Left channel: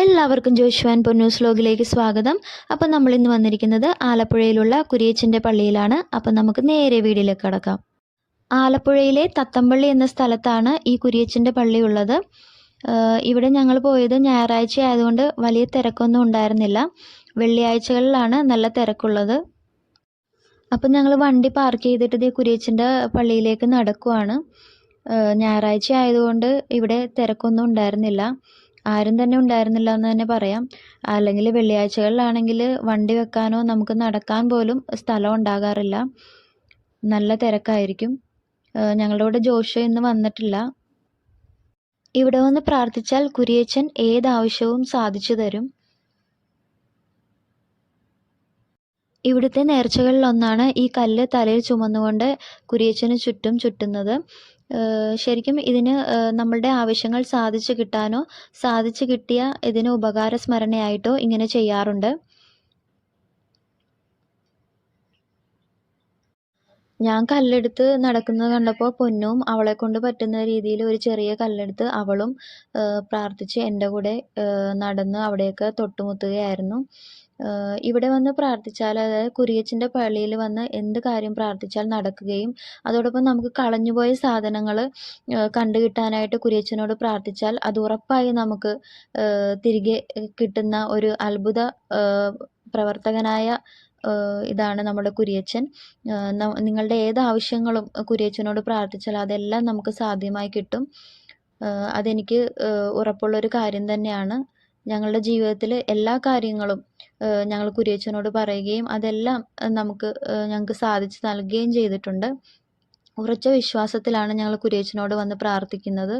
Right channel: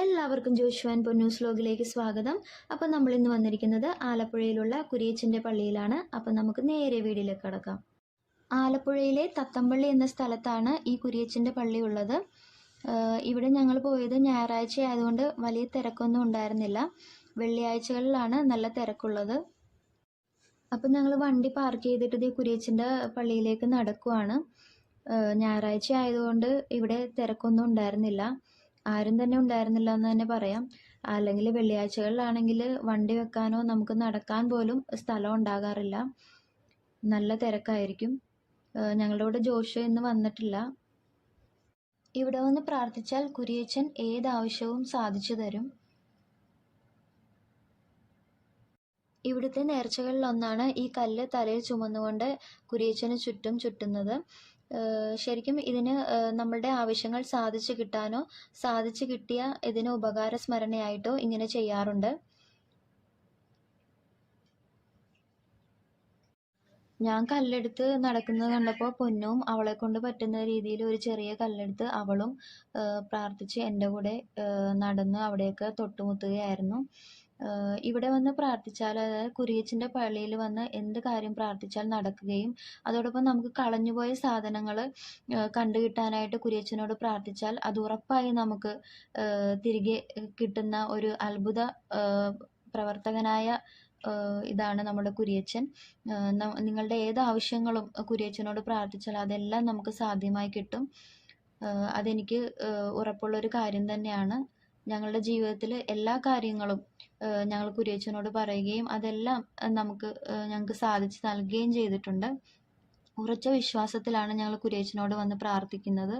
എല്ലാവർക്കും ജോഷു ആൻഡ് പൊന്നൂസ് വ്ലോഗിലേക്ക് സ്വാഗതം. അപ്പോൾ നമ്മൾ ഇന്ന് വന്നിരിക്കുന്നത് ആലപ്പുഴയിലുള്ള കുരിയച്ചൻ്റെ പള്ളിയിലാണ്. അപ്പോൾ നമുക്ക് നേരെ വീഡിയോയിലേക്ക് കടക്കാം. ആലപ്പുഴയിലെ തത്തമ്പള്ളി എന്ന സ്ഥലത്താണ് ഈ കുരിയച്ചൻ്റെ പള്ളി ഉള്ളത്. ഇവിടെ ഞങ്ങൾ പോയത് ഞായറാഴ്ച ആയതുകൊണ്ട് വലിയ തിരക്കൊന്നും ഉണ്ടായിരുന്നില്ല. വെള്ളിയാഴ്ചകളിലാണ് നല്ല തിരക്കുള്ളത്. അപ്പം ഞങ്ങൾ വണ്ടി പാർക്ക് ചെയ്തിട്ട് കുരിയച്ചൻ്റെ പള്ളിയിലേക്ക് നടക്കുവാണ്. ഞായറാഴ്ച ആയതുകൊണ്ട് ഇവിടെ തിരക്കൊന്നും ഉണ്ടായിരുന്നില്ല. ആരും തന്നെ ഉണ്ടായിരുന്നില്ല എന്ന് തന്നെ പറയാം. അല്ലെങ്കിൽ വെള്ളിയാഴ്ചകളിലാണെങ്കിൽ വണ്ടി വെക്കാനോ നമുക്ക് നടക്കാൻ പോലും സ്ഥലം ഉണ്ടാകാറില്ല. നല്ല തിരക്കായിരിക്കും. ഞങ്ങളുടെ കൂടെ ജോഷു ഇന്ന് വന്നിട്ടില്ല. ഇവിടെ വന്ന് പ്രാർത്ഥിച്ചാൽ കുരിയച്ചൻ ഏതാവശ്യവും സാധിച്ചു തരും. ഇവിടുത്തെ നേർച്ചകളിലൊന്നാണ് ഈ കല്ല് തലയിൽ ചുമന്നുകൊണ്ട് കുരിയച്ചന് ചുറ്റും ചുറ്റുന്നത്. ശരിക്കും ഇതിന് നമ്മളുടെ ആവശ്യങ്ങൾ സാധിച്ചു കിട്ടാനോ സാധിച്ചു കിട്ടിയ ഇതിന് ഉപകാര സ്മരണയായിട്ടോ ഇങ്ങനെ ചെയ്യാറുണ്ട്. ഞാൻ കല്ലെടുത്ത് നടക്കുന്നത് കണ്ടപ്പോൾ പൊന്നും അവളെ കൊണ്ട് പറ്റുന്ന രീതിയിൽ ഒരു ചെറിയ കല്ലെടുത്ത് അവളും പ്രാർത്ഥിച്ച് എൻ്റെ കൂടെ നടന്ന് അവിടെയൊക്കെ തൊട്ടുമുത്തുകയായിരുന്നു. ഇവിടെ വന്ന് പ്രാർത്ഥിച്ചാൽ, അതായത് കുരിയച്ചൻ്റെ പള്ളിയിൽ വന്ന് എന്ത് കാര്യം പ്രാർത്ഥിച്ചാൽ നടക്കുകയും അതോടൊപ്പം നമുക്ക് കളഞ്ഞുപോയ സാധനങ്ങൾ കണ്ടു കിട്ടാനായിട്ട് കുരിയച്ചനോട് പ്രാർത്ഥിച്ചാൽ അത് ഉറപ്പായി നമുക്ക് തിരികെ കിട്ടുന്ന ഒരു അത്ഭുത പ്രവർത്തകനായ ഇതാണ് നമ്മുടെ കുരിയച്ചൻ. നിങ്ങളുടെ ഏത് ആവശ്യങ്ങളും കുരിയച്ചനോട് പ്രാർത്ഥിച്ചാൽ അതെല്ലാം നമുക്ക് സാധ്യമായി കിട്ടും. അതെനിക്ക് ഉറപ്പുള്ളൊരു കാര്യം തന്നെയാണ്. ഞങ്ങളുടെ ജീവിതത്തിൽ എല്ലാ കാര്യങ്ങളും ഞങ്ങൾ കുരിയച്ചനോട് പറയുകയും അതെല്ലാം ഞങ്ങൾക്ക് സാധിച്ചു നൽകുകയും ചെയ്തിട്ടുണ്ട്. ഉറച്ച വിശ്വാസത്തിലാണ് ഞങ്ങൾ കുരിയച്ചനോട് വന്ന് പ്രാർത്ഥിക്കുന്നത്.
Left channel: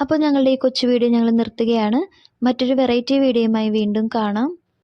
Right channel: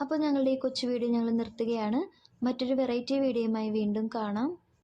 അപ്പോൾ ഞങ്ങളുടെ ഈ കൊച്ചു വീഡിയോ ഞങ്ങൾ നിർത്തുകയാണ്. മറ്റൊരു വെറൈറ്റി വീഡിയോയുമായി വീണ്ടും കാണാം.